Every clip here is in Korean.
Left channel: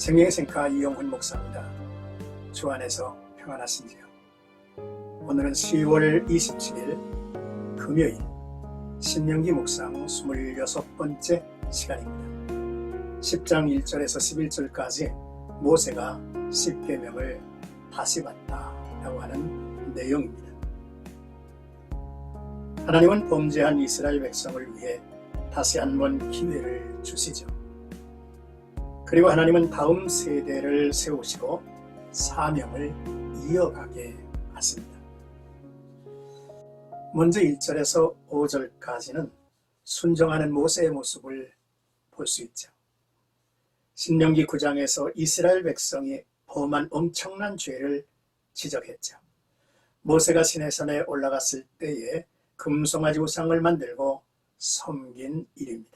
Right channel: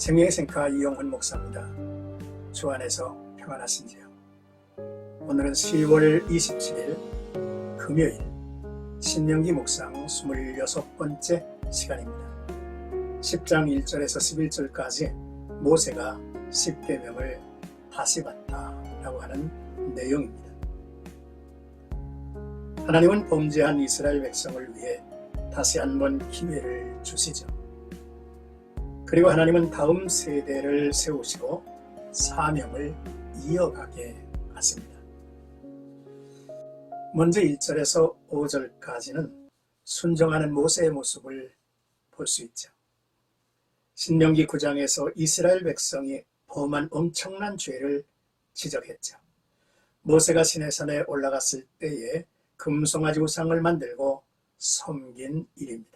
생명의생카 이용훈 목사입니다. 주 안에서 평안하신지요? 오늘은 10월 27일 금요일 신명기 묵상 26번째 시간입니다. 10장 1절에서 11절까지 모세가 십계명을 다시 받다라고 하는 내용입니다. 하나님은 범죄한 이스라엘 백성을 위해 다시 한번 기회를 주시죠. 그리고 하나님은 다음 세대를 세우시고 사명을 이어가게 하십니다. 먼저 1절에서 5절까지는 순종하는 모세의 모습을 볼 수 있죠. 신명기 9장에서 이스라엘 백성이 범한 엄청난 죄를 지적했죠. 모세가 시내산에 올라갔을 때에 금송아지 우상을 만들고 섬긴 일입니다.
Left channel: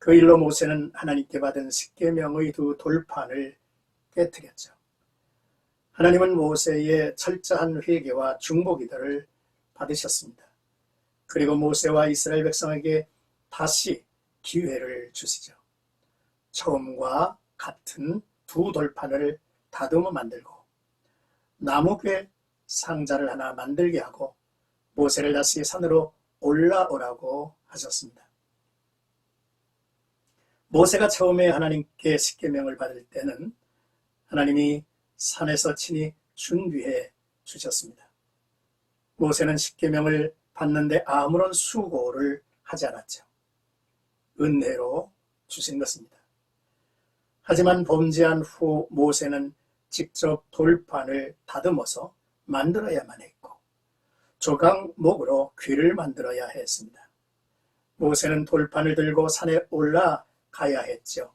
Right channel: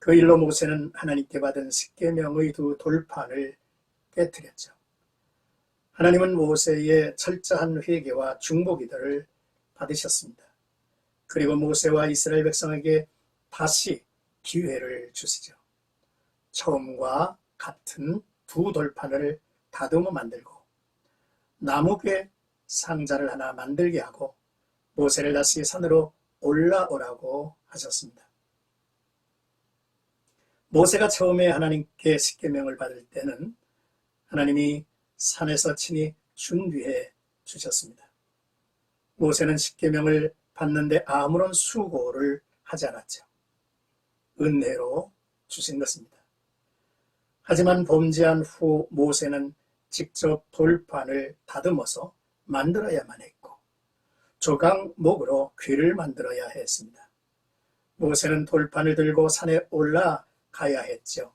그 일로 모세는 하나님께 받은 십계명의 두 돌판을 깨뜨렸죠. 하나님은 모세의 철저한 회개와 중보기도를 받으셨습니다. 그리고 모세와 이스라엘 백성에게 다시 기회를 주시죠. 처음과 같은 두 돌판을 다듬어 만들고 나무괴 상자를 하나 만들게 하고 모세를 다시 산으로 올라오라고 하셨습니다. 모세가 처음에 하나님께 십계명을 받을 때는 하나님이 산에서 친히 준비해 주셨습니다. 모세는 십계명을 받는데 아무런 수고를 하지 않았죠. 은혜로 주신 것입니다. 하지만 범죄한 후 모세는 직접 돌판을 다듬어서 만들어야만 했고 조각목으로 귀를 만들어야 했습니다. 모세는 돌판을 들고 산에 올라가야 했죠.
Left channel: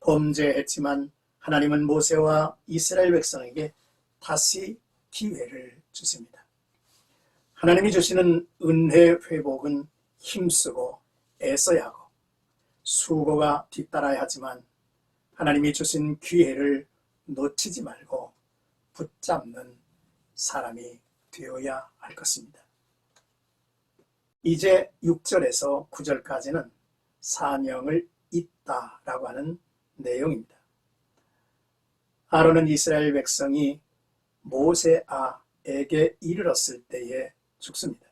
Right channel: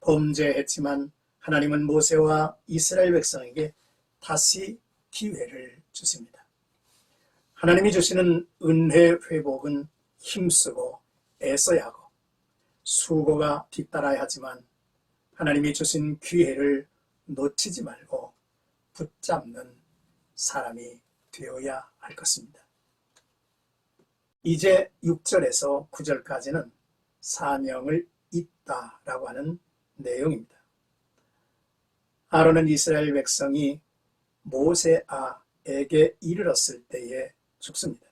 범죄했지만 하나님은 모세와 이스라엘 백성에게 다시 기회를 주십니다. 하나님이 주시는 은혜 회복은 힘쓰고 애써야 하고 수고가 뒤따라야 하지만 하나님이 주신 기회를 놓치지 말고 붙잡는 사람이 되어야 할 것입니다. 이제 6절에서 9절까지는 사명을 잇다라고 하는 내용입니다. 아론은 이스라엘 백성이 모세아에게 이르렀을 때에 죽습니다.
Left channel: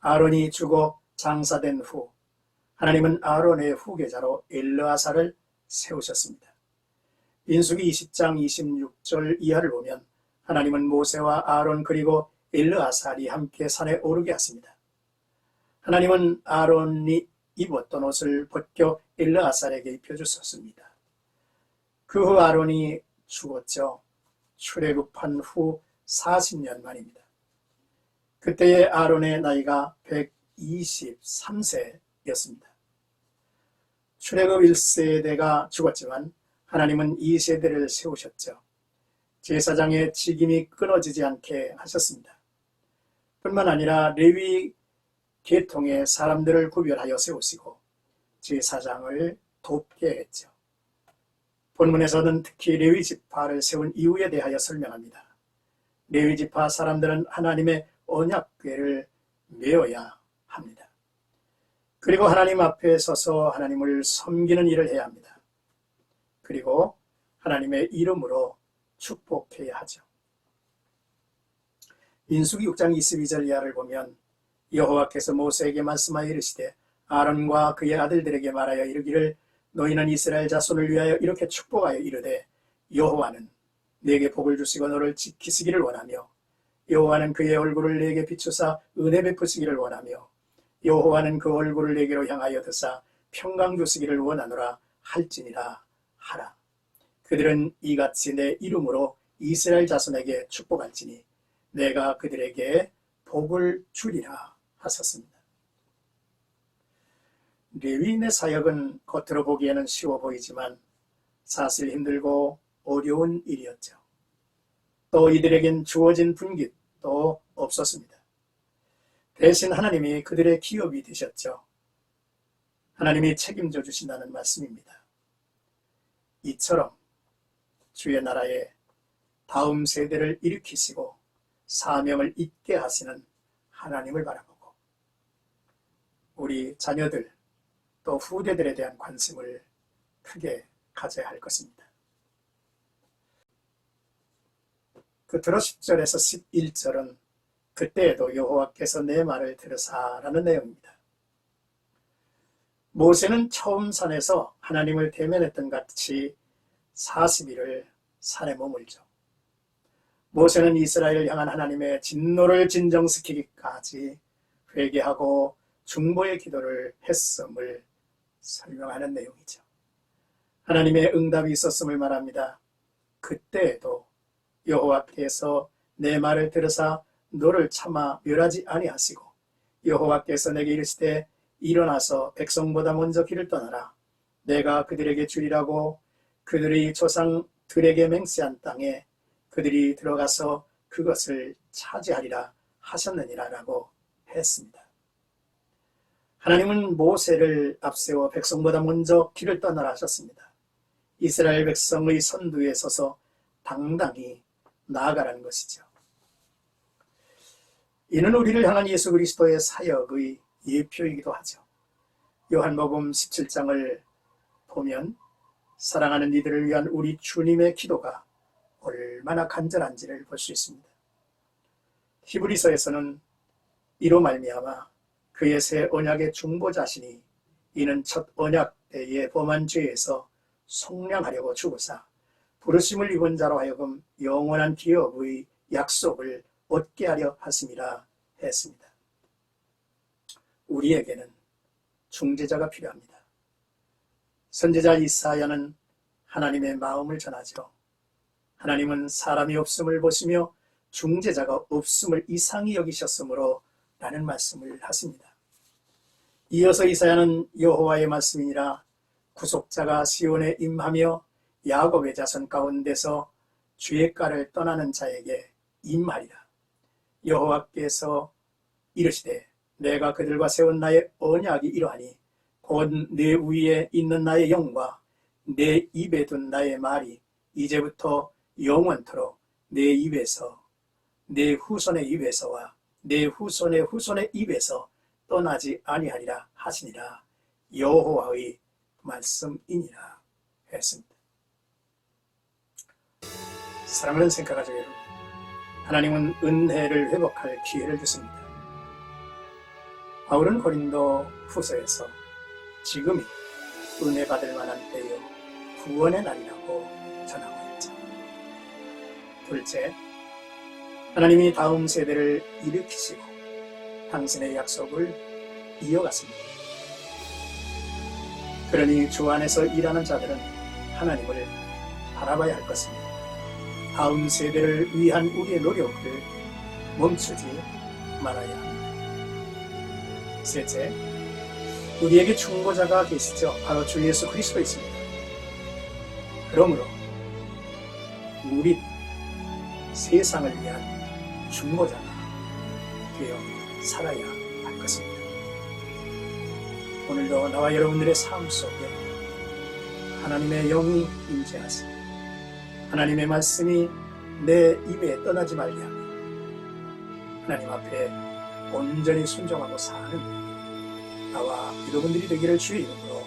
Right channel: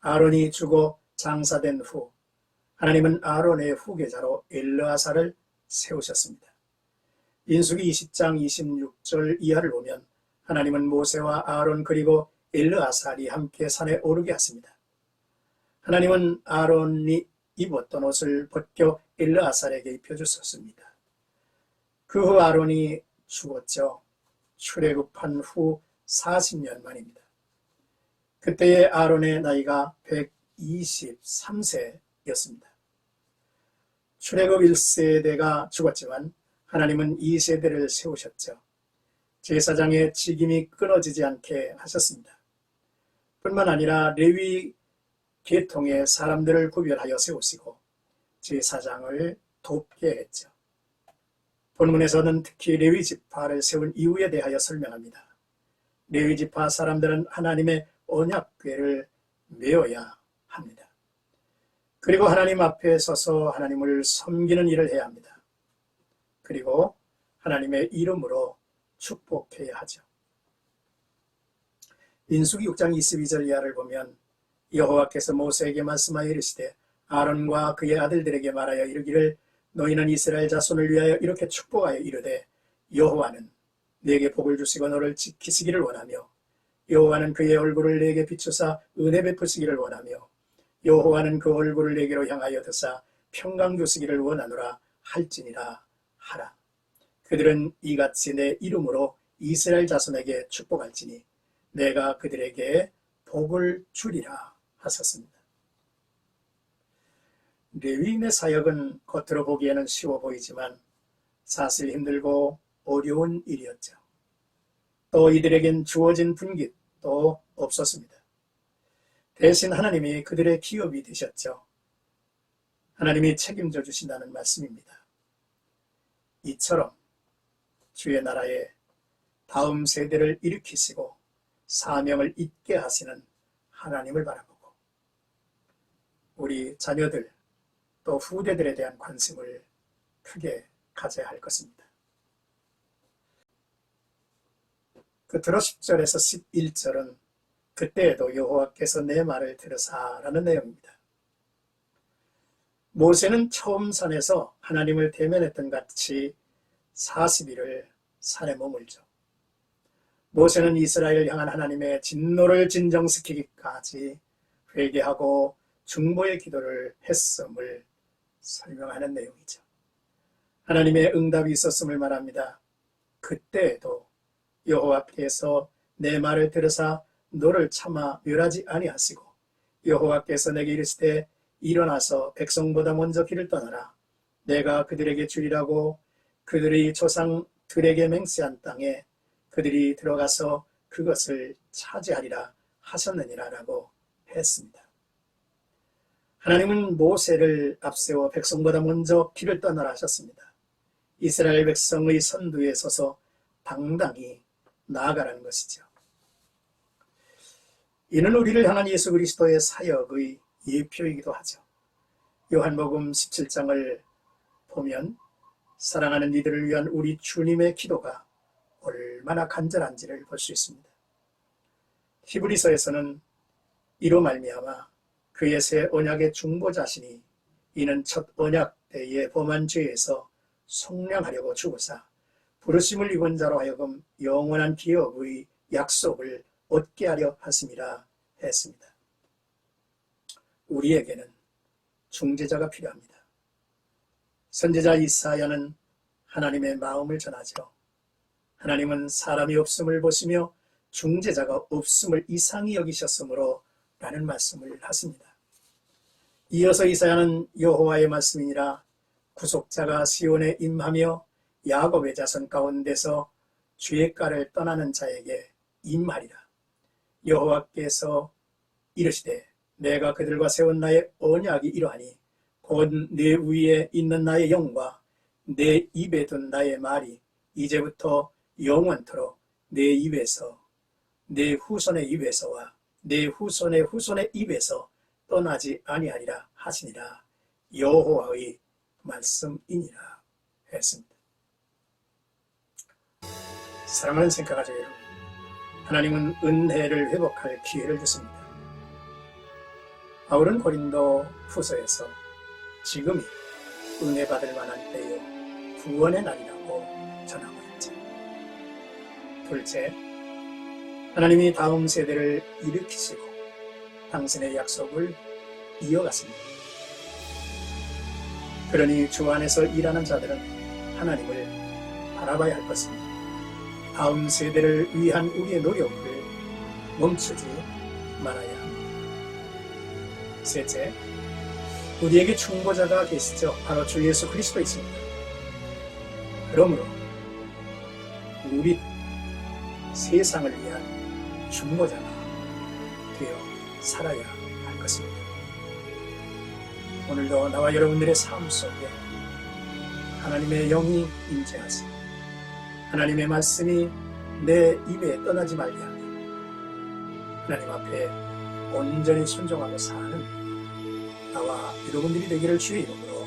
아론이 죽어 장사된 후 하나님은 아론의 후계자로 엘르아사를 세우셨습니다. 민수기 20장 26절 이하를 보면 하나님은 모세와 아론 그리고 엘르아살이 함께 산에 오르게 하십니다. 하나님은 아론이 입었던 옷을 벗겨 엘르아살에게 입혀주셨습니다. 그 후 아론이 죽었죠. 출애굽한 후 40년 만입니다. 그때의 아론의 나이가 123세였습니다. 출애굽 1세대가 죽었지만 하나님은 2세대를 세우셨죠. 제사장의 직임이 끊어지지 않게 하셨습니다. 뿐만 아니라 레위 계통의 사람들을 구별하여 세우시고 제사장을 돕게 했죠. 본문에서는 특히 레위 지파를 세운 이유에 대하여 설명합니다. 레위 지파 사람들은 하나님의 언약궤를 메어야 합니다. 그리고 하나님 앞에 서서 하나님을 섬기는 일을 해야 합니다. 그리고 하나님의 이름으로 축복해야 하죠. 민수기 6장 22절 이하를 보면 여호와께서 모세에게 말씀하여 이르시되 아론과 그의 아들들에게 말하여 이르기를 너희는 이스라엘 자손을 위하여 이렇게 축복하여 이르되 여호와는 네게 복을 주시고 너를 지키시기를 원하며 여호와는 그의 얼굴을 네게 비추사 은혜 베푸시기를 원하며 여호와는 그 얼굴을 네게로 향하여 드사 평강 주시기를 원하노라 할지니라 하라. 그들은 이같이 내 이름으로 이스라엘 자손에게 축복할지니 내가 그들에게 복을 주리라 하셨습니다. 레위인의 사역은 겉으로 보기에는 쉬워 보이지만 사실 힘들고 어려운 일이었죠. 또 이들에겐 주어진 분깃도 없었습니다. 대신 하나님이 그들의 기업이 되셨죠. 하나님이 책임져 주신다는 말씀입니다. 이처럼 주의 나라에 다음 세대를 일으키시고 사명을 잇게 하시는 하나님을 바라보고 우리 자녀들 또 후대들에 대한 관심을 크게 가져야 할 것입니다. 끝으로 10절에서 11절은 그때에도 여호와께서 내 말을 들으사라는 내용입니다. 모세는 처음 산에서 하나님을 대면했던 같이 40일을 산에 머물죠. 모세는 이스라엘을 향한 하나님의 진노를 진정시키기까지 회개하고 중보의 기도를 했음을 설명하는 내용이죠. 하나님의 응답이 있었음을 말합니다. 그때에도 여호와께서 내 말을 들으사 너를 차마 멸하지 아니하시고 여호와께서 내게 이르시되 일어나서 백성보다 먼저 길을 떠나라. 내가 그들에게 주리라고 그들의 조상들에게 맹세한 땅에 그들이 들어가서 그것을 차지하리라 하셨느니라 라고 했습니다. 하나님은 모세를 앞세워 백성보다 먼저 길을 떠나라 하셨습니다. 이스라엘 백성의 선두에 서서 당당히 나아가라는 것이죠. 이는 우리를 향한 예수 그리스도의 사역의 예표이기도 하죠. 요한복음 17장을 보면 사랑하는 이들을 위한 우리 주님의 기도가 얼마나 간절한지를 볼 수 있습니다. 히브리서에서는 이로 말미암아 그의 새 언약의 중보자시니 이는 첫 언약 때의 범한 죄에서 속량하려고 죽으사 부르심을 입은 자로 하여금 영원한 기업의 약속을 얻게 하려 하심이라 했습니다. 우리에게는 중재자가 필요합니다. 선지자 이사야는 하나님의 마음을 전하죠. 하나님은 사람이 없음을 보시며 중재자가 없음을 이상히 여기셨으므로 라는 말씀을 하십니다. 이어서 이사야는 여호와의 말씀이니라 구속자가 시온에 임하며 야곱의 자손 가운데서 주의 가를 떠나는 자에게 임하리라. 여호와께서 이르시되 내가 그들과 세운 나의 언약이 이러하니 곧 내 위에 있는 나의 영과 내 입에 둔 나의 말이 이제부터 영원토록 내 입에서 내 후손의 입에서와 내 후손의 후손의 입에서 떠나지 아니하리라 하시니라. 여호와의 말씀이니라 했습니다. 사랑하는 생각하죠 여러분, 하나님은 은혜를 회복할 기회를 주십니다. 바울은 고린도 후서에서 지금이 은혜 받을 만한 때요 구원의 날이라고 전하고 있죠. 둘째, 하나님이 다음 세대를 일으키시고 당신의 약속을 이어갔습니다. 그러니 주 안에서 일하는 자들은 하나님을 바라봐야 할 것입니다. 다음 세대를 위한 우리의 노력을 멈추지 말아야 합니다. 셋째, 우리에게 중보자가 계시죠. 바로 주 예수 그리스도 있습니다. 그러므로 우리 세상을 위한 중보자가 되어 살아야 할 것입니다. 오늘도 나와 여러분들의 삶 속에 하나님의 영이 임재하시고 하나님의 말씀이 내 입에 떠나지 말게 하며 하나님 앞에 온전히 순종하고 사는 나와 여러분들이 되기를 주의 이름으로